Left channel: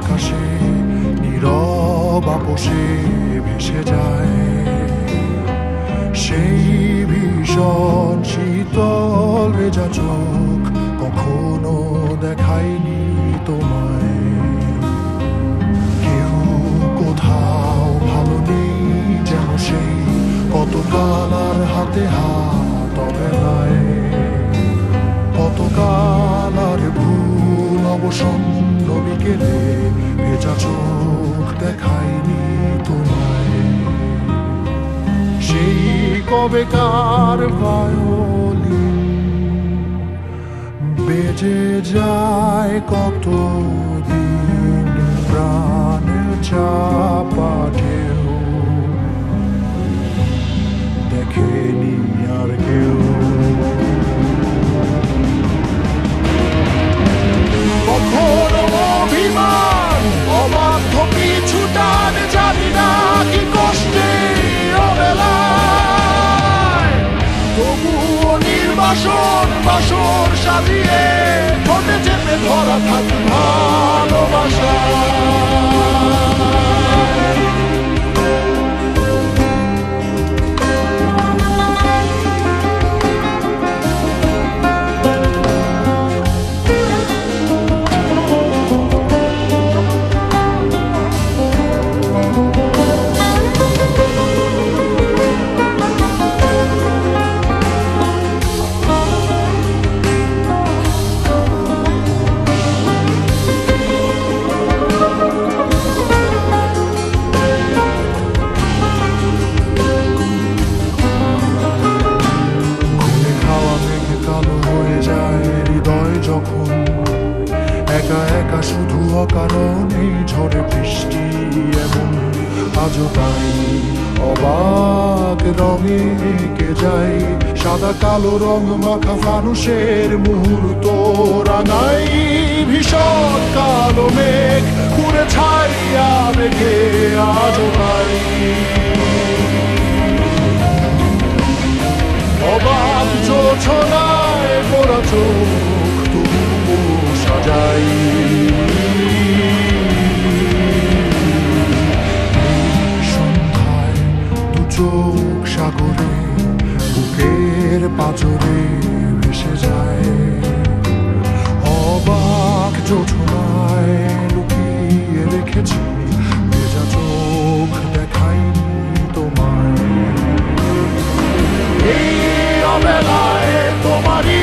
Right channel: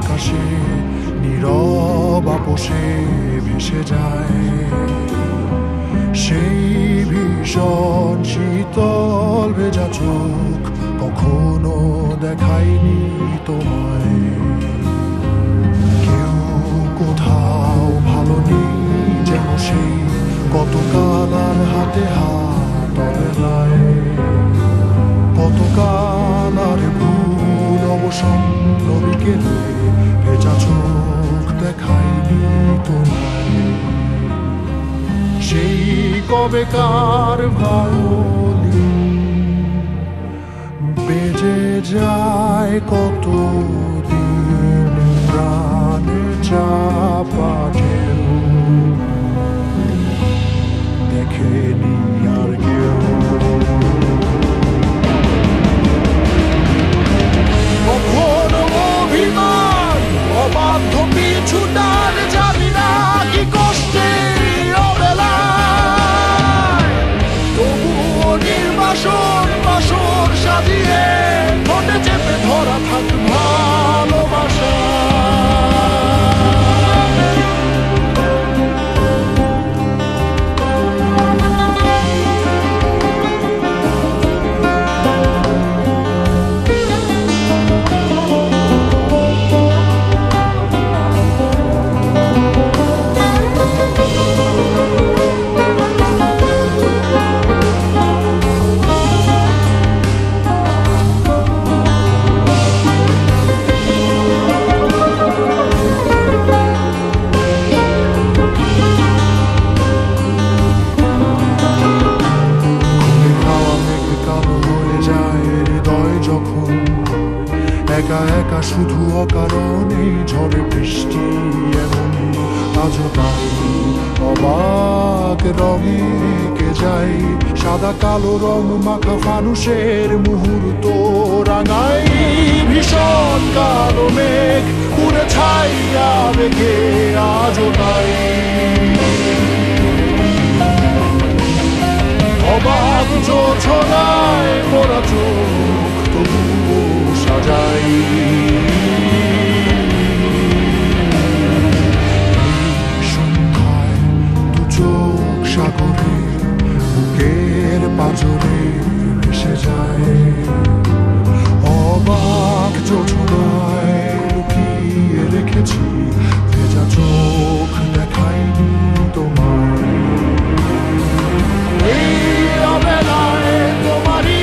বাতাসে নীরব আপোষে ভেসে যায়। সেই ভীষণ শীতল ভেজা চোখ কখনো দেখায়নি তোমায়। কেউ কোথাও ভালো নেই যেন সেই কতকাল আর হাতে হাত অবেলায় কতকাল আর ভুল অবসন্ন বিকেলে ভেজা চোখ দেখায়নি তোমায়। সেই কবেকার ভায়োলিন বেজে যায় কত দিন প্রাণ চাপা ঢেউ। দেখেনি আর কেউ। কখনো অভিমান। অবাধ্য পিছুটান জানি না কি কষ্টে অবেলায়। তবুও নির্বাসন, বাসর সাজিয়ে ঠোঁটে চেপে ধরা থাক ভালোবাসা। একা একা শুধু অকারণে ঝড়ে বৃষ্টি এমন, আজও তাই অবাক রঙে কে যায়, সাদা কালো রং মাখা মানুষের মুহূর্ত রাঙাই, ভীষণ কালো মেঘ পুরে ছাইয়া বেগে আজও তাই। অবাক যোছনায় সাজাই এই সন্ধ্যায় দু চোখ সাগরে, বুকের পাজরে ভেসে যায়। অবাক যোছনায় লুকিয়ে রেখেছি ভেজা চোখ দেখাইনি তোমায়। এই অবেলায় তোমারই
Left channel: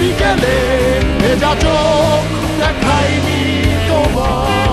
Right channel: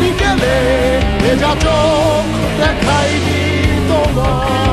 বিকেলে ভেজা চোখ দেখাইনি তোমার।